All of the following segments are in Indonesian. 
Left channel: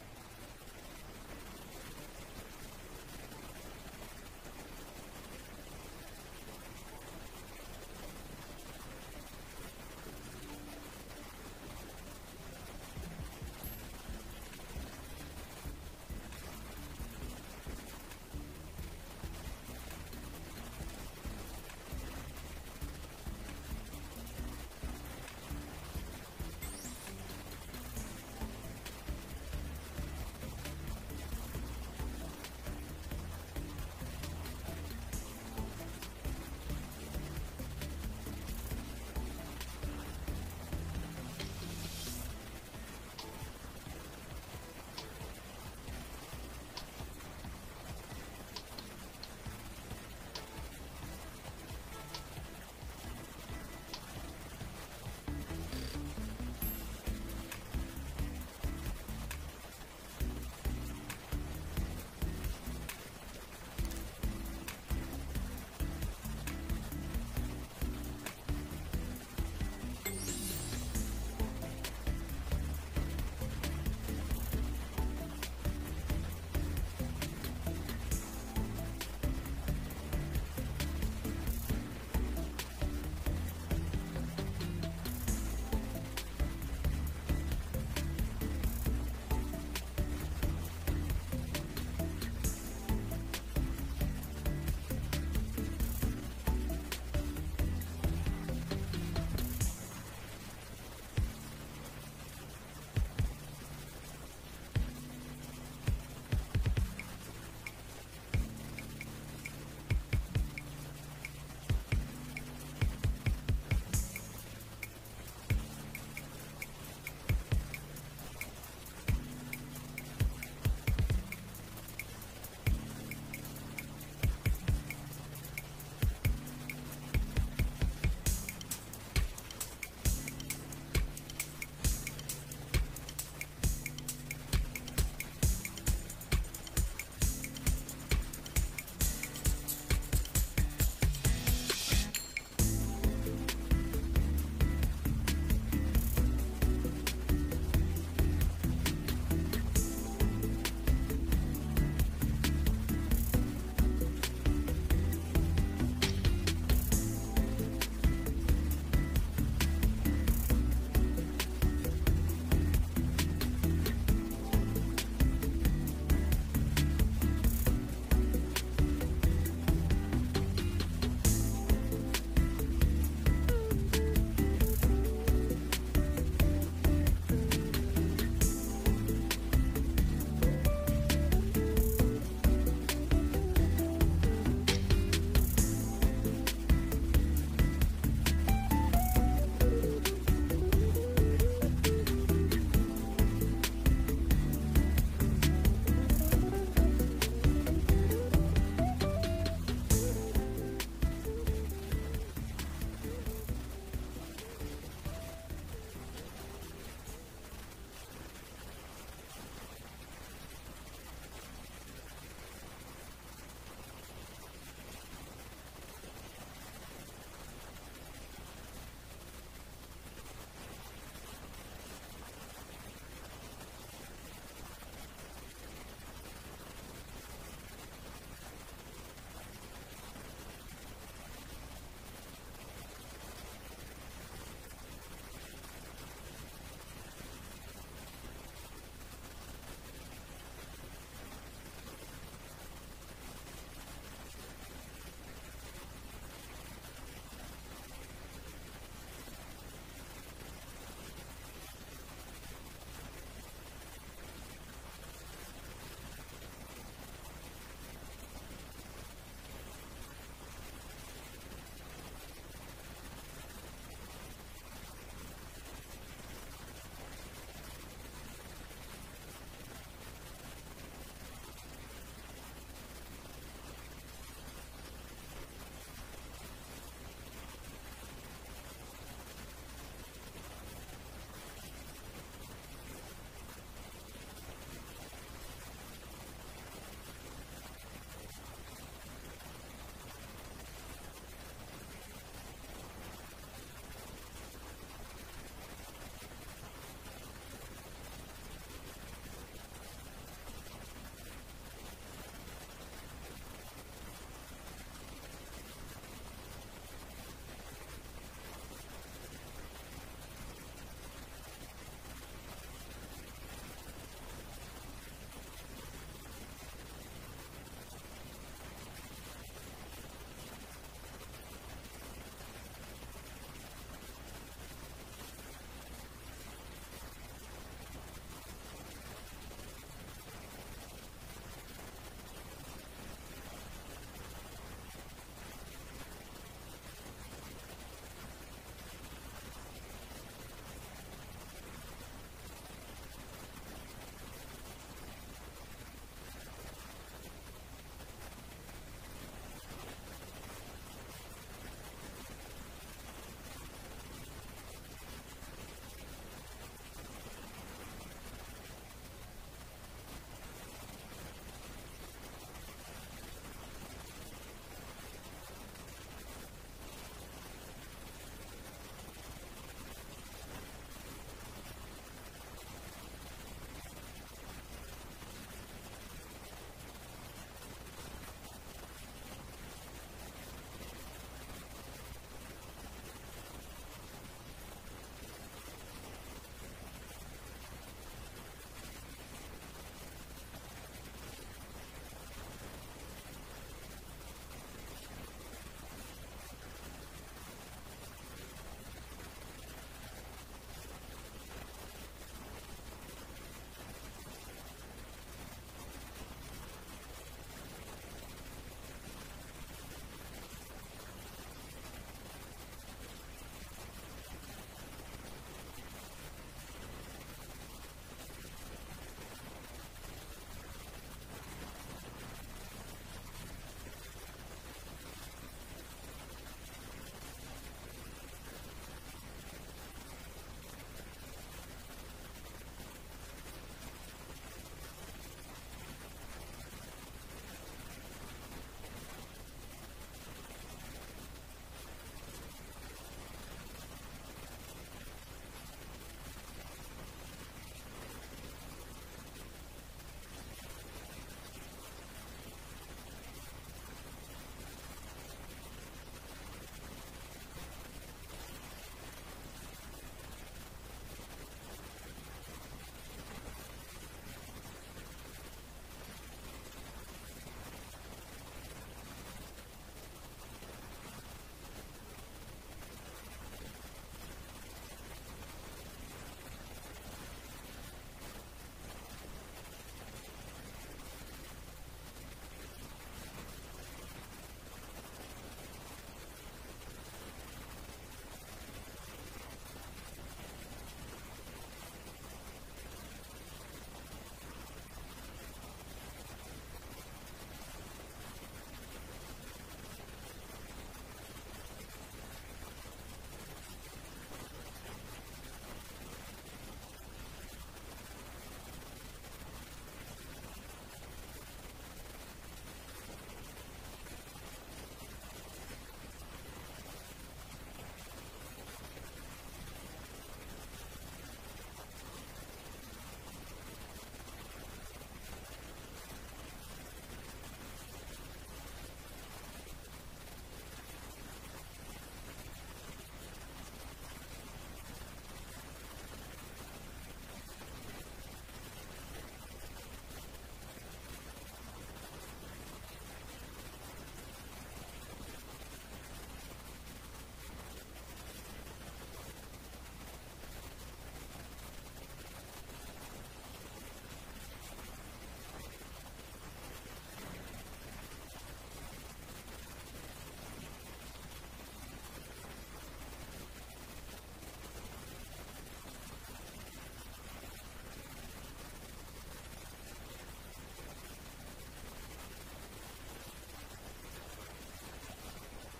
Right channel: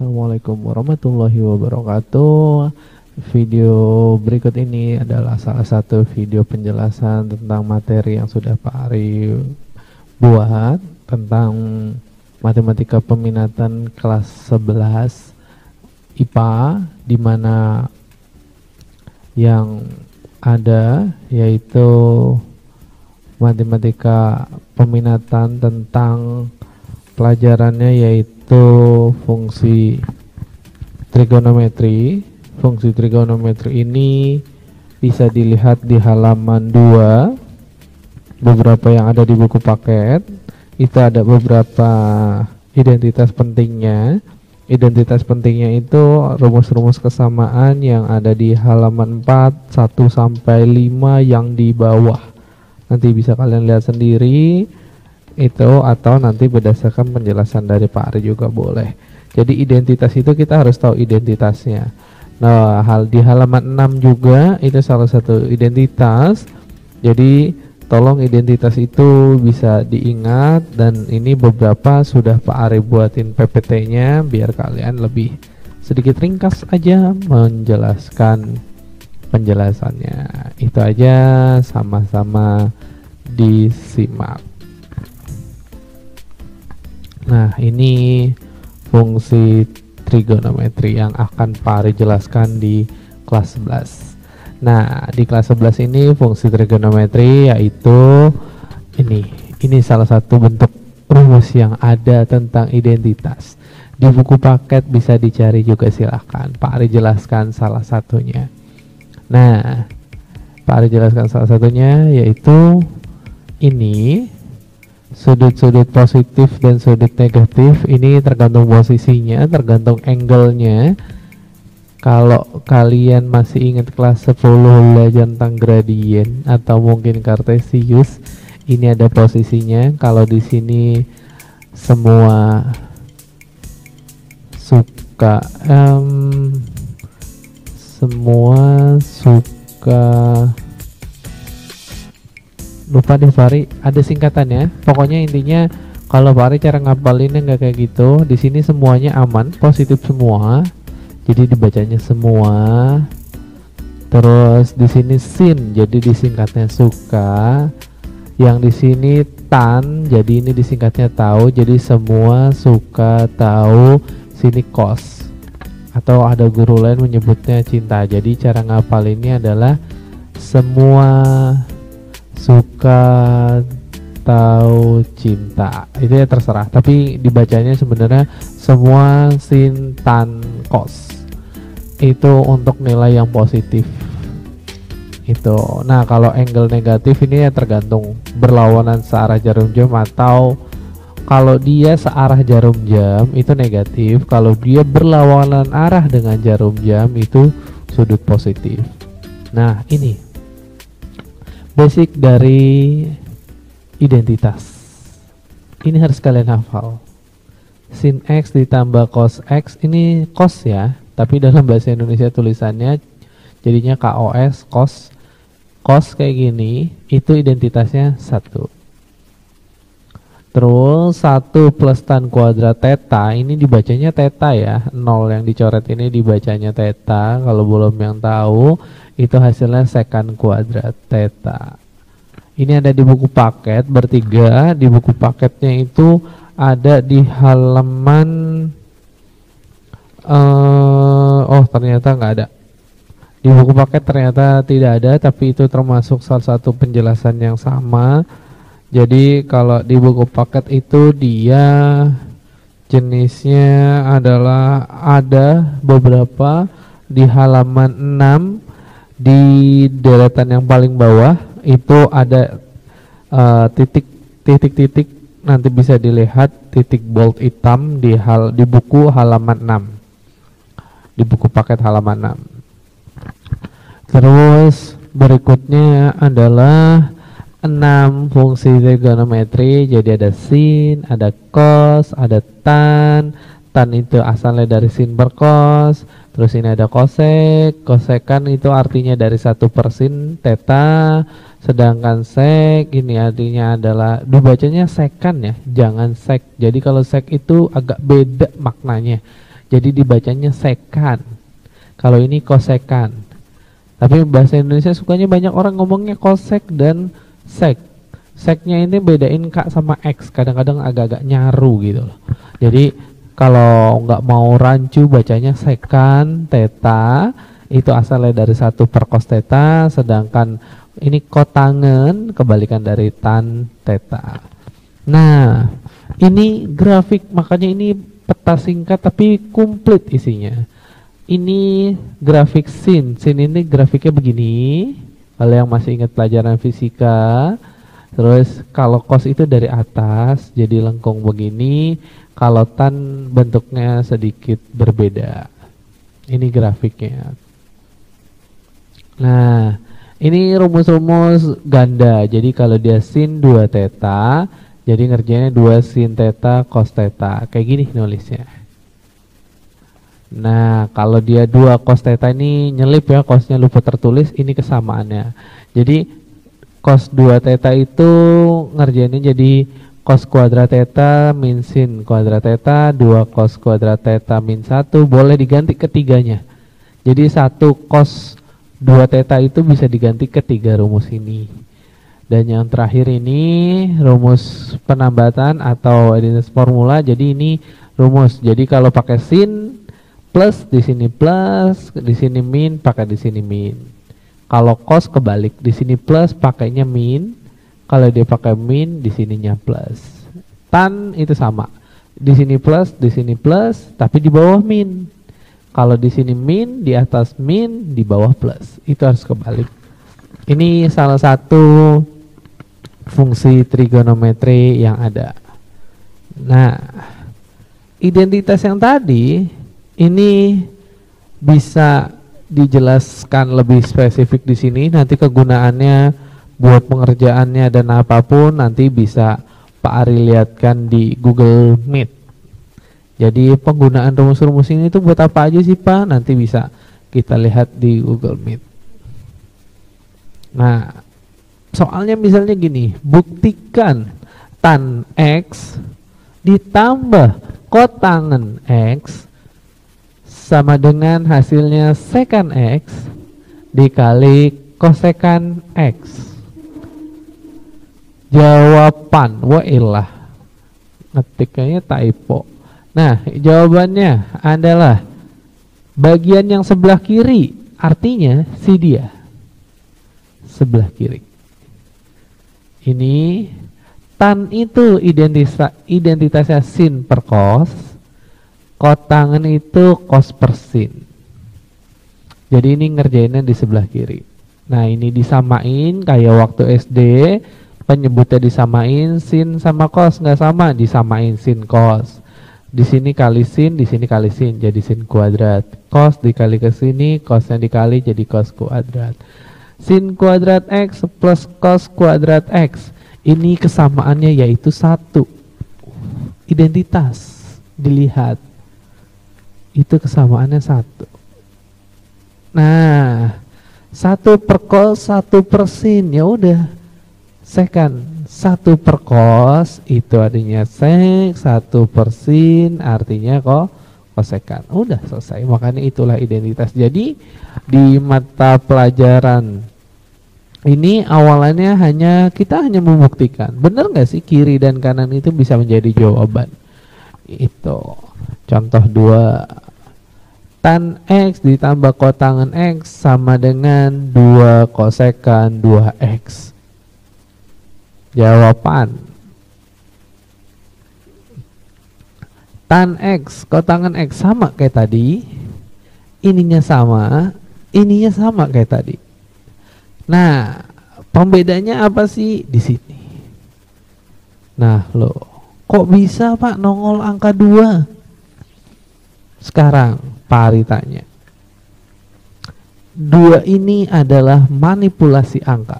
Assalamualaikum warahmatullahi wabarakatuh. Video berikut ini adalah salah satu video penjelasan tentang materi yang sudah Pak Ari buat tentang matematika peminatan kelas 11 IPA, di mana yang ada yaitu matematika peminatan tentang pelajarannya yaitu fungsi trigonometri. Fungsi trigonometri ini bisa dilihat di halaman 2, beberapa yang ada di buku paket. Itu ada beberapa identitas pentingnya. Identitas pentingnya itu rumus-rumus kesamaan yang ada di halaman 4, 1 sampai 5 yang di bawah. Nanti bisa kalian lihat sendiri itu, atau nanti berdasarkan penjelasan dari Pak Ari juga boleh. Jadi identitas itu kita harus tahu identitasnya. Nah, di halaman 6 juga itu salah satu identitas. Jadi tolong identitas itu bisa diingat, dan ini beberapa sudah Pak Ari buatin PPT-nya biar kalian lebih sedikit ringkas aja menjelaskan penjelasannya. Itu aja, sama-sama disimak. Nah, ini fungsi trigonometri yang akan Pak Ari jelaskan di kelas 11. Nah, di kelas 11 ini fungsi trigonometri yaitu ini salah satu bentuk rumus yang ada tentang identitas. Di buku paket bisa dicari juga, silahkan. Pak Ari jelaskan salah satunya. Nah, Pak Ari jelaskan salah satunya yaitu ini. Sudut-sudut positif dan sudut negatif ini tergantung posisinya, tergantung angle-nya. Kalau kalian masih ingat kelas 10 belajar tentang gradien atau mungkin kartesius, ini ada posisinya. Kalau di sini semua suka lupa deh Fari, ada singkatannya. Pokoknya intinya kalau Fari cara ngapalinnya nggak kayak gitu. Di sini semuanya aman, positif semua. Jadi dibacanya semua. Terus di sini sin, jadi disingkatnya suka. Yang di sini tan, jadi ini disingkatnya tahu. Jadi semua suka tahu. Sini kos. Atau ada guru lain menyebutnya cinta. Jadi cara ngapalinnya adalah semua suka tahu cinta. Itu ya terserah, tapi dibacanya sebenarnya semua sin tan kos. Itu untuk nilai yang positif itu. Nah, kalau angle negatif ini ya tergantung berlawanan searah jarum jam, atau kalau dia searah jarum jam itu negatif. Kalau dia berlawanan arah dengan jarum jam itu sudut positif. Nah, ini basic dari identitas. Ini harus kalian hafal. Sin X ditambah cos X, ini cos ya, tapi dalam bahasa Indonesia tulisannya jadinya KOS, cos. Cos kayak gini, itu identitasnya 1. Terus 1 plus tan kuadrat theta, ini dibacanya theta ya. 0 yang dicoret ini dibacanya theta. Kalau belum yang tahu, itu hasilnya sekan kuadrat theta. Ini ada di buku paket bertiga. Di buku paketnya itu ada di halaman oh ternyata nggak ada. Di buku paket ternyata tidak ada, tapi itu termasuk salah satu penjelasan yang sama. Jadi kalau di buku paket itu dia jenisnya adalah ada beberapa di halaman 6. Di deretan yang paling bawah itu ada titik-titik, nanti bisa dilihat titik bold hitam di buku halaman 6, di buku paket halaman 6. Terus berikutnya adalah 6 fungsi trigonometri. Jadi ada sin, ada cos, ada tan. Tan itu asalnya dari sin per cos. Terus ini ada kosek. Kosekan itu artinya dari 1/sin theta. Sedangkan sek ini artinya adalah, dibacanya sekan ya, jangan sek. Jadi kalau sek itu agak beda maknanya. jadi dibacanya sekan. Kalau ini kosekan. Tapi bahasa Indonesia sukanya banyak orang ngomongnya kosek dan sek. Seknya ini bedain K sama X, kadang-kadang agak-agak nyaru gitu loh. Jadi kalau nggak mau rancu bacanya sekan teta, itu asalnya dari 1 per cos teta, sedangkan ini kotangen kebalikan dari tan teta. Nah, ini grafik, makanya ini peta singkat tapi komplit isinya. Ini grafik sin ini grafiknya begini. Kalau yang masih ingat pelajaran fisika, terus kalau cos itu dari atas jadi lengkung begini, kalau tan bentuknya sedikit berbeda. Ini grafiknya. Nah, ini rumus-rumus ganda. Jadi kalau dia sin 2 teta, jadi ngerjainnya 2 sin teta cos teta. Kayak gini nulisnya. Nah, kalau dia 2 cos teta ini nyelip ya, cosnya lupa tertulis, ini kesamaannya. Jadi cos 2 teta itu ngerjainnya jadi cos kuadrat teta min sin kuadrat teta 2 cos kuadrat teta min 1, boleh diganti ketiganya. Jadi 1 cos 2 teta itu bisa diganti ketiga rumus ini. Dan yang terakhir ini rumus penambatan atau identitas formula. Jadi ini rumus. Jadi kalau pakai sin plus, di sini plus, di sini min, pakai di sini min. Kalau cos kebalik, di sini plus pakainya min, kalau dia pakai min di sininya plus. Tan itu sama, di sini plus, tapi di bawah min. Kalau di sini min, di atas min, di bawah plus. Itu harus kebalik. Ini salah satu fungsi trigonometri yang ada. Nah, identitas yang tadi ini bisa dijelaskan lebih spesifik di sini. Nanti kegunaannya buat pengerjaannya dan apapun nanti bisa Pak Ari lihatkan di Google Meet. Jadi penggunaan rumus-rumus ini tuh buat apa aja sih Pak? Nanti bisa kita lihat di Google Meet. Nah, soalnya misalnya gini, buktikan tan X ditambah kotangen X sama dengan hasilnya sekan X dikali kosekan X. Jawaban, wailah, ngetiknya typo. Nah, jawabannya adalah bagian yang sebelah kiri, artinya si dia sebelah kiri. Ini tan itu identitasnya sin per cos, kotangen itu cos per sin. Jadi ini ngerjainnya di sebelah kiri. Nah, ini disamain kayak waktu SD, penyebutnya disamain sin sama cos, nggak sama, disamain sin cos. Di sini kali sin, di sini kali sin, jadi sin kuadrat. Cos dikali ke sini, cosnya dikali jadi cos kuadrat. Sin kuadrat X plus cos kuadrat X. Ini kesamaannya yaitu 1. Identitas dilihat. Itu kesamaannya 1. Nah, 1 per cos, 1 per sin, ya udah. Sekan 1 per cos itu artinya sek, 1 per sin artinya kosekan. Udah selesai. Makanya itulah identitas. Jadi di mata pelajaran ini awalannya kita hanya membuktikan, benar nggak sih kiri dan kanan itu bisa menjadi jawaban. Itu contoh 2, tan X ditambah kotangen X sama dengan 2 kosekan 2X. Jawaban tan X kotangen X sama kayak tadi, ininya sama kayak tadi. Nah, pembedanya apa sih di sini? Nah, loh, kok bisa Pak nongol angka 2? Sekarang Pak Ari tanya. 2 ini adalah manipulasi angka.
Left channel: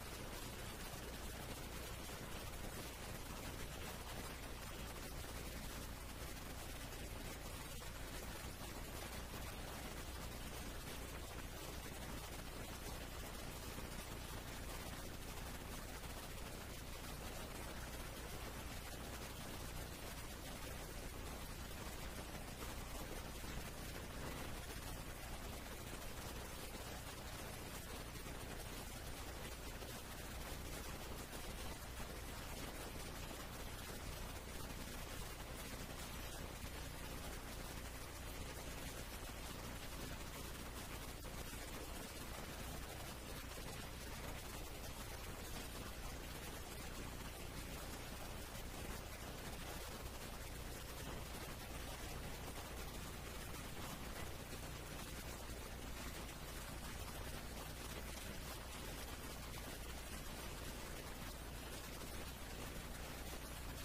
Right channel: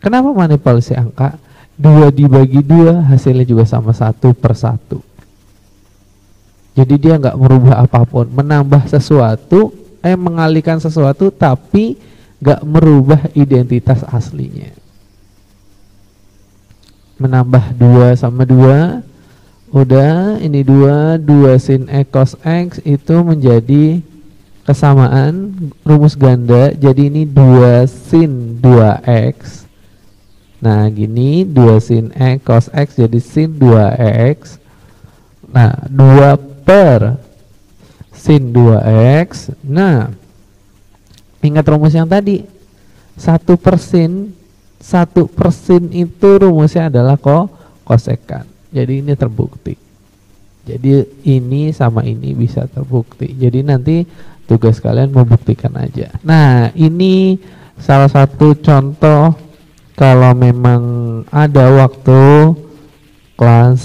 Kenapa manipulasi angka? 2 dibagi 2 hasilnya juga sama 1 per 1. Jadi dia nggak merubah apapun, menambah sesuatu, mengalihkan sesuatu tapi nggak merubah identitas aslinya. Menambah 2 sama 2 Udah, ini 2 sin X cos X itu menjadi kesamaan rumus ganda. Jadi ini 2 sin 2X. Nah gini, 2 sin X cos X jadi sin 2X. Nah 2 per sin 2X. Nah ingat rumus yang tadi, 1 per sin itu rumusnya adalah kosekan. Jadi ini terbukti. Jadi ini sama ini bisa terbukti. Jadi nanti tugas kalian membuktikan aja. Nah ini salah satu contoh kalau memang ada waktu kelas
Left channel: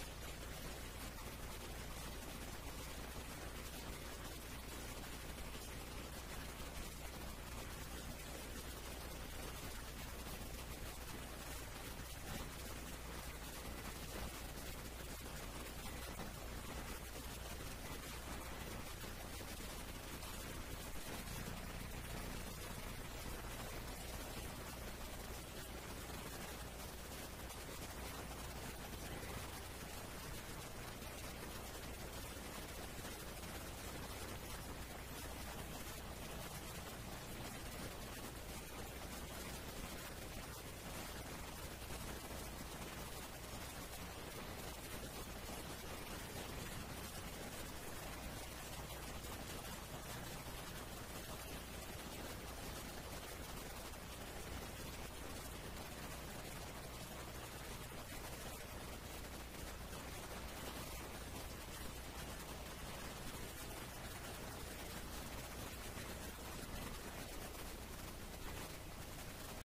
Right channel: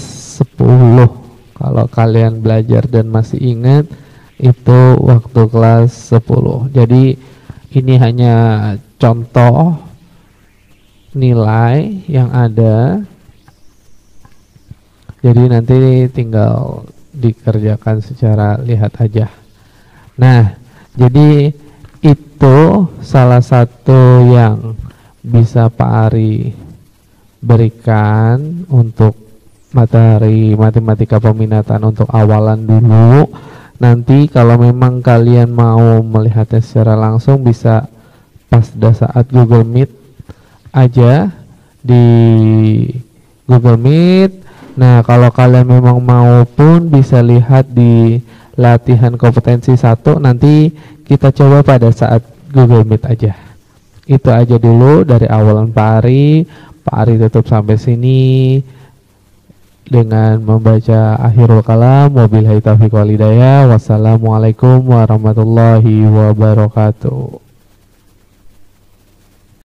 10. Kalau kalian belajar dan masih ingat, itu waktu kelas 10. Jadi ini hanya contoh nilai yang ada. Jadi nanti tinggal dikerjakan secara lihat aja. Nah, jadi itu salah satu yang bisa Pak Ari berikan untuk materi matematika peminatan untuk awalan dulu. Nanti kalau memang kalian mau melihatnya secara langsung bisa pada saat Google Meet aja di Google Meet. Nah kalau kalian memang mau pun bisa lihat di latihan kompetensi 1, nanti kita coba pada saat Google Meet aja. Itu aja dulu dari awalan Pak Ari. Pak Ari tutup sampai sini dengan membaca akhirul kalam. Wabillahi taufiq wal hidayah. Wassalamualaikum warahmatullahi wabarakatuh.